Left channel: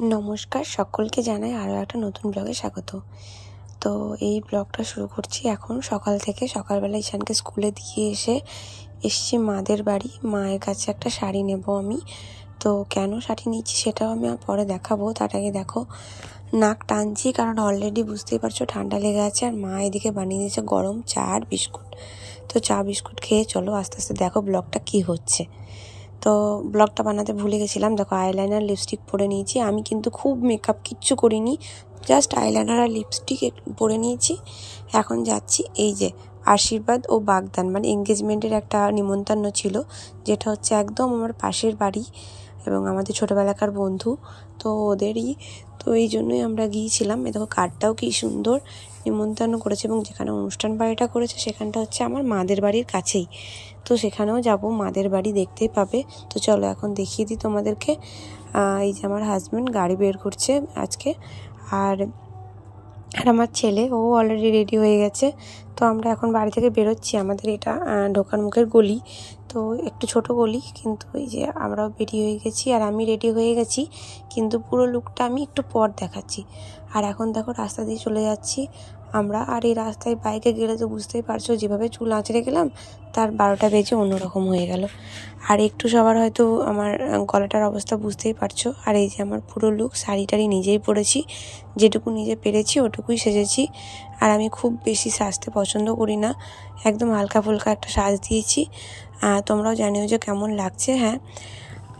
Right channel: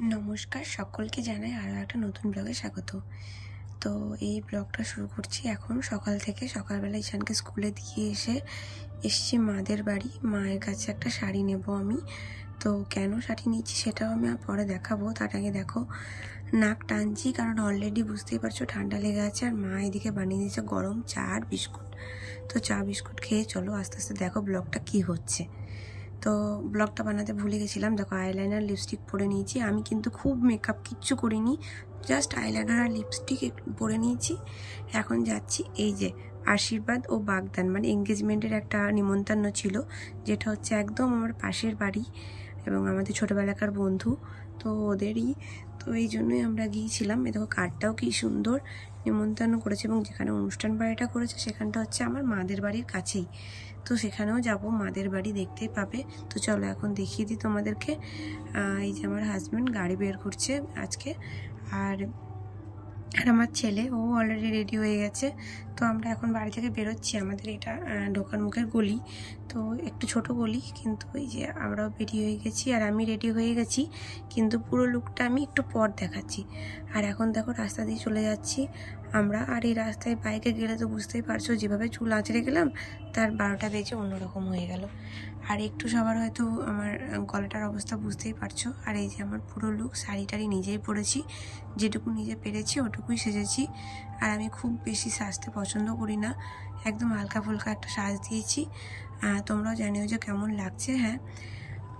নমস্কার, সকলকে জানাই আরও একটা নতুন ব্লগে স্বাগত। তো এই ব্লগটা শুরু করছি এখন সকাল থেকে। সকালবেলা ঈশানকে স্কুলে দিয়ে এসছি মাদের বাড়ি। মায়ের কাছে একটা শাড়ি নেব আমি। তো কেন শাড়ি নিচ্ছি সেটাও আমি পরে দেখাবো। তার আগে দেখো নাক টানছি, কারণ অলরেডি বুঝতেই পারছো ঠান্ডা লেগে আছে। আর মা এদিকে বানিয়ে দিয়েছে গরম চা আর বিস্কুট। তো চা বিস্কুট খেয়ে চলো আস্তে আস্তে দেখো ব্লগটা কি হচ্ছে। তো ব্লগটা বানাতে ভুলে গেছিলাম। দেখো আইলাইনার লিপস্টিক পরে নিয়েছি। আমি কিন্তু খুব মেকআপ কিচ্ছু করিনি, জাস্ট আইলাইনার আর লিপস্টিক পরে নিয়েছি। এখন যাচ্ছি এই যে আশীর্বাদ ও বাগদান, মানে এঙ্গেজমেন্টের একটা নিমন্ত্রণ ছিল, যেটা হচ্ছে একদম আমার পাশের বাড়ি এবং আমাদের ছোটোবেলাকার বন্ধু, তো ওদেরই। তো এই জন্যই আমরা গিয়েছিলাম। এ দেখো কার্ডটাও কি সুন্দর নিমন্ত্রণ করেছে, এবং যেখানে অনুষ্ঠান বাড়িটা করেছে সেখানটা হচ্ছে আমার মাদের বাড়ির কাছেই। তো সেখানেও যাব, মাদের বাড়ি দেখতেই পাবে। তো চলো এখন দেখিয়ে দিই তোমাদেরকে। এই যে আমার হাজব্যান্ড গাড়ি বের করছে আজকে, আর আমার ছেলে ও অলরেডি রেডি হয়ে গেছে। তো আমরা এখন বাড়ি থেকে বেরোচ্ছি। আমাদের এটা ঢোকার মুখের গলি, তো একটু ছোট গলি, কিন্তু এই যে আমরাও রেডি হয়ে গেছি। আর আমি রেডি হয়ে গেছি, কিন্তু পুরো লুকটা আমি একটু পর দেখাচ্ছি। আর এখন দেখো রাস্তা দিয়ে চলে যাচ্ছি আমরা। আর এই রাস্তায় বাইকে গেলে তো বুঝতেই পারছো, যেভাবে চুল আঁচড়ে গেলাম তার 12টা বেজে অন্যরকম হয়ে গেল। আর একটু সবার হয়তো আমার গলাটার অবস্থা বুঝতেই পারছো। আর এই যে আমার পুরো লুক, শাড়ি নিজেই পরেছি, যেটুকু নিজে পেরেছি ওটুকুই সেজেছি। আর আমি খুব বেশি সাজতে পছন্দ করি না, একদম হালকা ফুলকা একটা সাজ দিয়েছি। তোমরাও জানিও যে কেমন লাগছে। হ্যাঁ,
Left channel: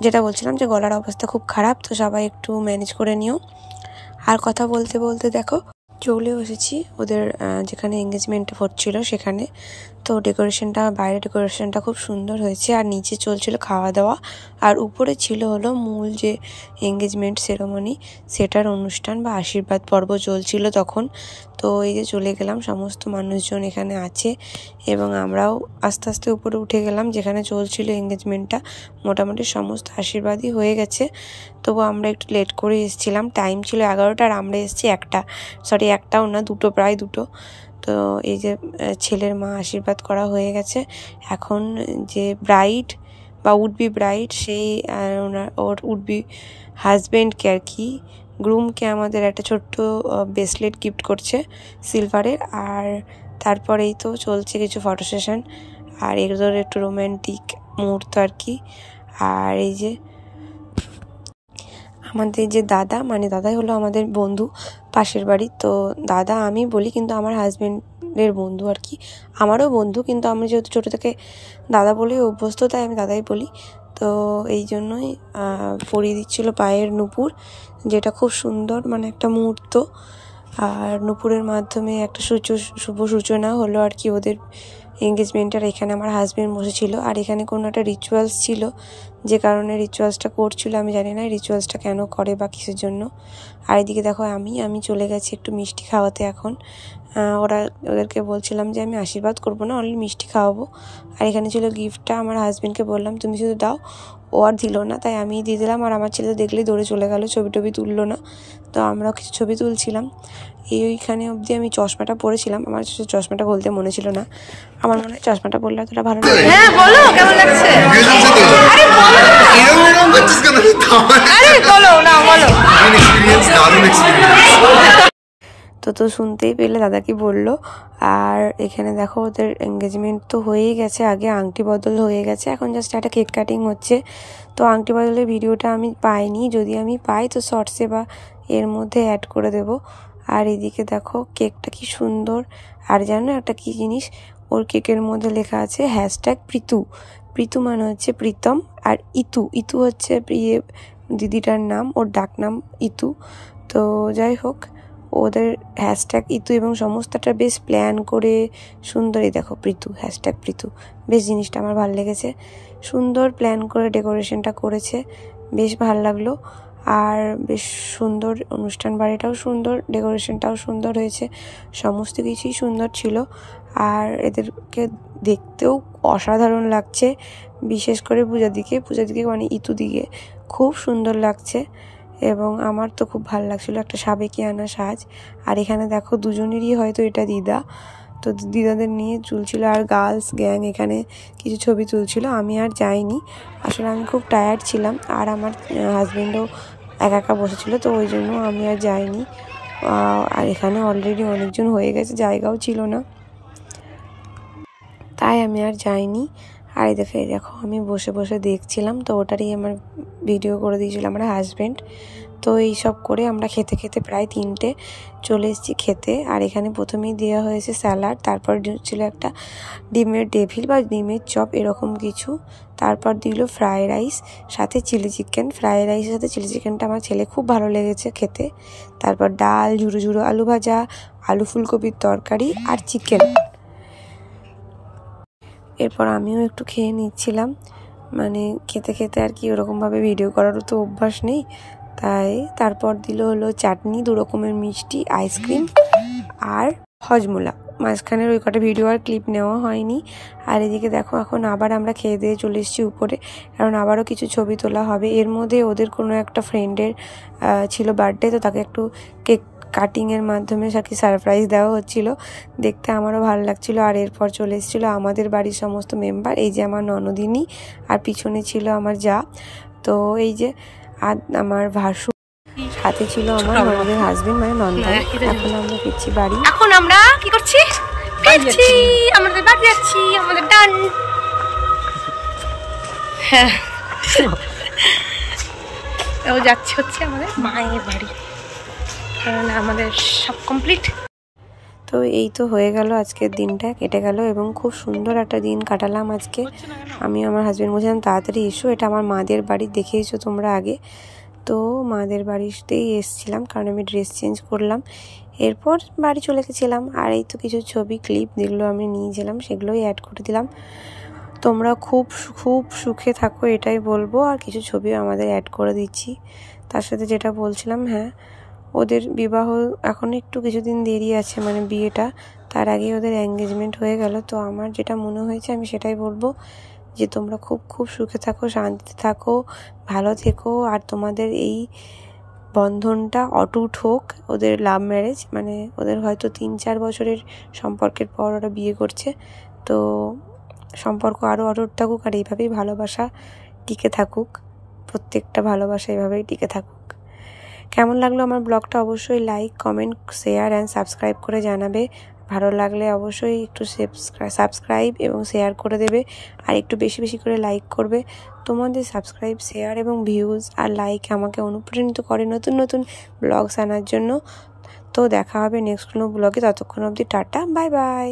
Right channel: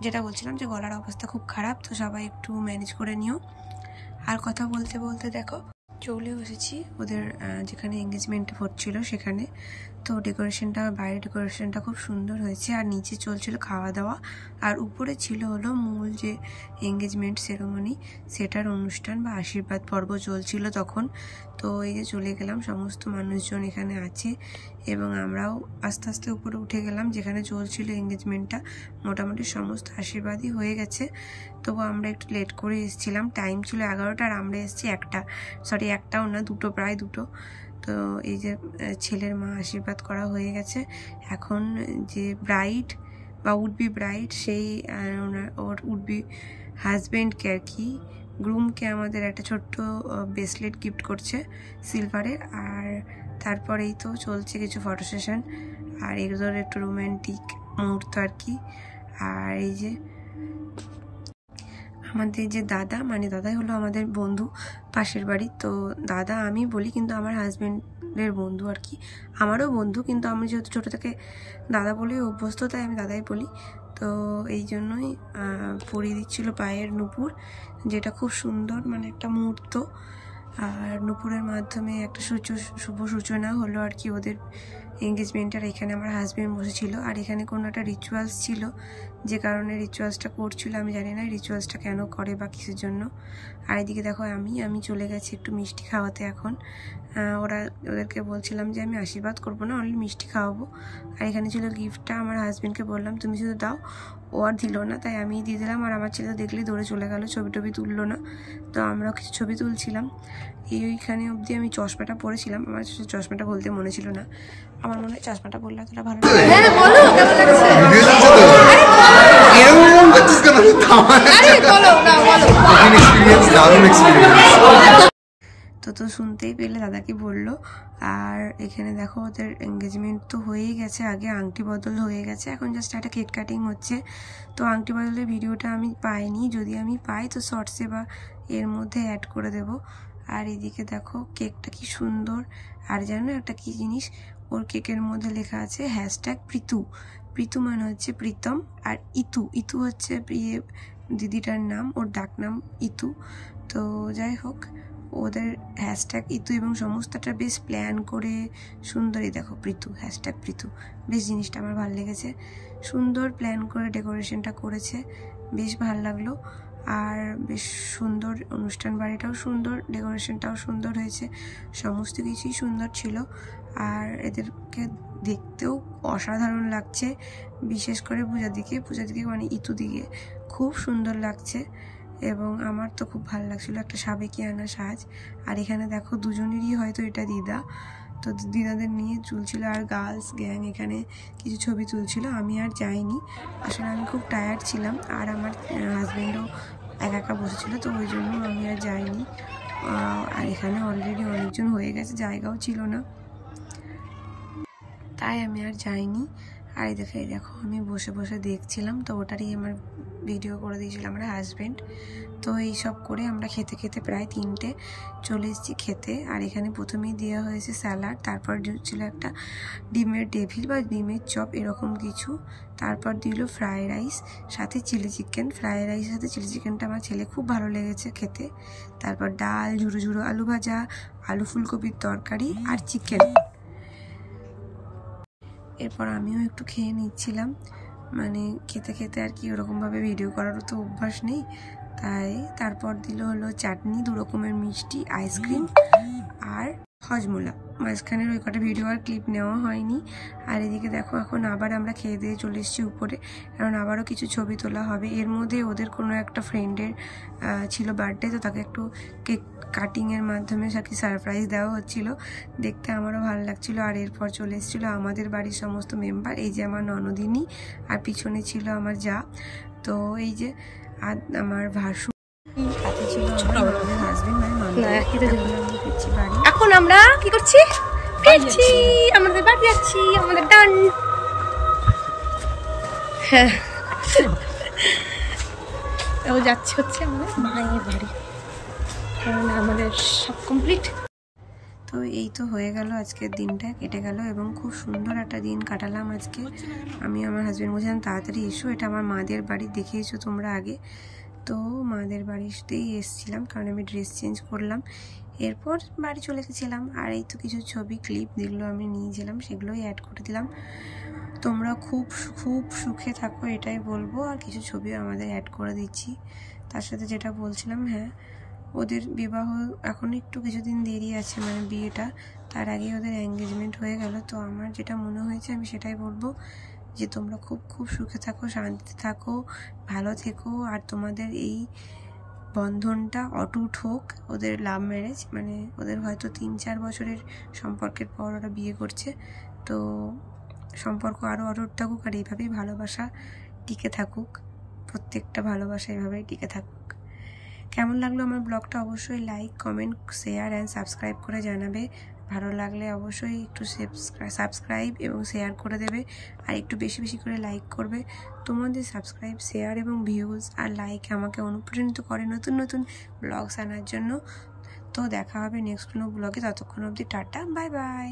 যেটা বলছিলাম যে গলার অবস্থা খুব খারাপ, তো সবাই একটু ম্যানেজ করে নিও। আর কথা বলতে বলতে দেখো চলে এসেছি ওদের যেখানে এঙ্গেজমেন্ট হচ্ছিল সেখানে। তো ডেকোরেশনটা, বাইরে ডেকোরেশনটা খুব সুন্দর হয়েছে। আর নিচে চলছিল খাওয়া দাওয়া, আর উপরে ছিল হলো মূল যে এঙ্গেজমেন্ট সেরেমনি, সেটার অনুষ্ঠান বা আশীর্বাদ পর্ব চলছিল তখন। তো এই যে চলে গেলাম, সমস্ত মানুষজন এখানে আছে এবং আমরাও আস্তে আস্তে উপরে উঠে গেলাম যেখানে চলছিল এঙ্গেজমেন্টটা। মোটামুটি সমস্ত আশীর্বাদই হয়ে গেছে, তবু আমরা একটু লেট করে এসেছিলাম। টাইম ছিল 11টা আর আমরা এসেছি একটাও না, প্রায় দুটো। তো এই যে ছেলের মা আশীর্বাদ করা হয়ে গেছে। এখন যে ব্রাইড বা উডবি ব্রাইড, সেই ওর উডবি হাজব্যান্ডকে আর কি, গ্রুমকে আমাদের একটা ছোট্ট ব্রেসলেট গিফট করছে সিলভারের। আর তারপরেই তো চলছে কিছু ফটো সেশন, আর এগুলোর একটু রোম্যান্টিক মুহূর্ত আর কি। আর এই যে আমাদের যে দাদা, মানে দাদাই হলো আমাদের বন্ধু পাশের বাড়ি। তো দাদা আমি বলি, কিন্তু আমার হাজব্যান্ডের বন্ধু আর কি, আমারও বন্ধু, কিন্তু আমি যেহেতু ছোটো থেকে দাদা বলেই অভ্যস্ত, তাই আমি দাদাই বলি। তো এই জন্যই পরিয়ে দিচ্ছিল পায়ের নূপুর, যেটা খুব সুন্দর, মানে একটা মুহূর্ত। আর নূপুরের মাধ্যমে একটা শুভ সূচনা হলো আর কি ওদের এঙ্গেজমেন্টের। এখানে আমার হাজব্যান্ড বসেছিল, আর এখানে কোনো একটা রিচুয়ালস ছিল, যে কারণে রিচুয়ালসটা করছিল। আমি জানি না রিচুয়ালসটা কেন করে বা কিসের জন্য। আর এদিকে দেখো আমি চলে গেছি একটু মিষ্টি খাওয়াতে এখন। ওদেরকে বলছিলাম যে আমি আশীর্বাদ করবো না, অনলি মিষ্টি খাওয়াবো। আর এখানে ছিল গিফটটা, আমার হাজব্যান্ডকে বললাম তুমি শুধু দাও, ও আর দিল না, তাই আমি দিয়ে দিলাম। আর আমার ছেলে তো দেখলেই দৌড়ে চলে গেল, ছবি তুললো না। তো আমরাও কিছু ছবি তুলছিলাম। এইখানে অবধি আমি চশমাটা পরেছিলাম, আমার চশমাটা বলতে মনে ছিল না। আমার মনে হয় চশমাটা পরলে অতটা ভালো লাগে। হ্যাঁ বলো, কেমন লাগছে? আরে বলো এরকম করছিস কেন? আরে বলো না, বলো। দারুণ এক্সপেরিয়েন্স। তো শুনতেই পেলে দাদা কি বললো। আর এখানে দেখো ওদের এঙ্গেজমেন্ট তো হয়েই গেছে, আগে আংটি বদল হয়ে গেছে, এখন জাস্ট একটা কেক কাটিং হচ্ছে। তো আংটি বদলের ভিডিওটা আমি পাইনি, যদি আমি পাই তো শর্টসে বা এর মধ্যে অ্যাড করে দেব। আর এদিকে দেখো কেকটা কি সুন্দর। আর জানো একটা কি জিনিস, ওর কেকের মধ্যে লেখা আছে #প্রীতু। প্রীতু মানে হচ্ছে প্রীতম, আর ইতু হচ্ছে দিদিটার নাম, ওর ডাক নাম ইতু। তো যাই হোক, ওদের #ইতু এবং সমস্তটা বেশ প্ল্যান করে সুন্দরই, দেখো প্রীতু #প্রীতু, বেশ জিনিসটা আমার ভালো লেগেছে। সুন্দর প্ল্যান করে ডেকোরেশনটা করেছে, বেশ ভালো লাগলো। আর বেশ সুন্দর অনুষ্ঠান বাড়িটাও সুন্দর, ডেকোরেশনটাও সুন্দর হয়েছে, সমস্ত কিছুই সুন্দর ছিল। আর এদেরকে দেখতেও অসাধারণ লাগছে, বিশেষ করে পূজার দিকে মানে ইতু দিকে খুব সুন্দর লাগছে। এবং আমার তো খুব ভালো লাগছিলো, একটা সাবেকিয়ানা সাজ। আর এখানে দেখো দুজনেরই হয়তো এটা দিদা, তো দিদাদের নিয়ে চলছিল। আর গার্লস গ্যাং এখানে কিছু ছবি তুলছিল, আমি আর যাইনি, আসলে আমি খুব টায়ার্ড ছিলাম। আর আমার হাজব্যান্ডও একা একা বসেছিল, তো ওই জন্য আমি আর যাইনি। আর এখানে অলরেডি অনেকজন হয়ে গেছে, জায়গাও ছিল না, তাই আমি আর যাইনি। আর দেখো আমি বসে বসে দেখছিলাম, তো ওটারই আমার ভিডিও করে দিয়েছিল আমার হাজব্যান্ড। তো এই সব করে আমরা খেতে খেতে প্রায় 3টে চলে এসেছি খেতে। আর এখানে প্রথমেই দেওয়া হয়েছে স্যালাড, তারপর ছিল একটা ডিমের ডেভিল বা ডিমের চপ এরকম কিছু, তারপর দিল ফ্রাই রাইস সাথে চিলি চিকেন। ফ্রাই রাইসের সাথে চিলি চিকেনটা আমার ছেলে খুব ভালো লেগেছে খেতে। তারপর ডাল, ঝুড়ো ঝুড়ো আলু ভাজা, আলু ফুলকপির তরকারি আর চিকেন। এরপর আমিও একটু খেয়ে নিচ্ছিলাম, মানে খেতে খেতে আর কি ওরকমভাবে ভিডিও করারও তো অভ্যাস নেই, তাই। তারপর হলো চাটনি, 2 রকমের মিষ্টি, আইসক্রিম আর হজমোলা। মাঝখানের ওই কটা ভিডিও আর ক্লিপ নেওয়া হয়নি। আর এদিকে দেখো এখন আবার আমরা খেয়ে দিয়ে চলে এসেছি উপরে, কারণ আবারও কিছু ছবি তোলা হবে। এর মধ্যে ওদের কোনো একটা ফ্রেন্ডের ছিল বার্থডে, তো তাকে একটু কেক কাটিংয়ের মাধ্যমে সাথে সারপ্রাইজ দেওয়া হচ্ছিল, দেখতে আমারও ভালো লাগছিল। আর এরপর চলে এসেছিলো আমাদের বাড়ির সমস্ত মেম্বার, এই যে আমার ননদিনী, আর পিছনে ছিল আমার যা, তো এই যে আর আমার ভাসু, সাথে ছিল আমার ননদের হাজবেন্ড মানে ননদ। এখন আমরা ফিরছি বাড়ি। এখন আমরা কি করছি? ফিরছি, আমাদের বাড়ি যাচ্ছি, আমাদের ডান। হ্যাঁ, ও যাচ্ছে হচ্ছে আমাদের মায়ের বাড়ি, কারণ আমাদের সব কমপ্লিট। তো এই তো হয়ে গেল, আজকের দিনটা কেটে গেল এবং খুব সুন্দর একটা দিন কাটালাম আজকে। আমি আমার হাজব্যান্ড বলছিলাম তাড়াতাড়ি এসো, এটা আমার মাদের বাড়ি, দেখেইছো তোমরা আগে। তো মাদের বাড়িতেই এসেছিলাম, কারণ আমি ড্রেস চেঞ্জ করলাম, এরপর বাড়ি চলে গেছিলাম। আর এই তো কিছু ছবি ক্লিপ যেগুলো আমি নিয়েছিলাম সেগুলোই অ্যাড করে দিলাম। তোমরা খুব খুব সুখে থাকো এটাই বলবো, আর কিছু ছবিও আমাদের অ্যাড করে দিচ্ছি। তার সাথে যেটা বলছিলাম, হ্যাঁ ওদের বিবাহ এখন একটু কিছুদিন দেরি আছে, মানে বিয়েটা, তার আগে ওদের এঙ্গেজমেন্ট হয়ে গেল। তো আমার যেটা মনে হয়েছে আমি সেটাই বলবো, যে তোমরা খুব খুব সুখে থাকো, শান্তিতে থাকো, ভালো থেকো। আর তোমাদের এই বন্ধনটা অটুট হোক। ওদের লাভ ম্যারেজ, মানে ওদের হয়তো 3-4 বছরের সম্পর্কের পর ওরা বিয়ে করছে, তো সম্পর্ক আরও অটুট থাকুক, আর এইভাবেই ভালোবাসা টিকে থাকুক, প্রত্যেকটা ভালোবাসা এইভাবেই টিকে থাকুক। কেমন লাগলো আমার ব্লগটা অবশ্যই like, comment, share and subscribe করে জানাবে। ভালো লাগলে অবশ্যই একটু সাবস্ক্রাইব এবং শেয়ার করে দেবে, আর একটু বেশি বেশি করে লাইক করবে। তোমাদের সাবস্ক্রাইব, শেয়ার এবং ভিউজ আর লাইক আমাকে অনুপ্রাণিত করে নতুন নতুন ব্লগস আনার জন্য। তো দেখা হবে নেক্সট কোনো ব্লগে, ততক্ষণ অবধি টাটা, বাই বাই।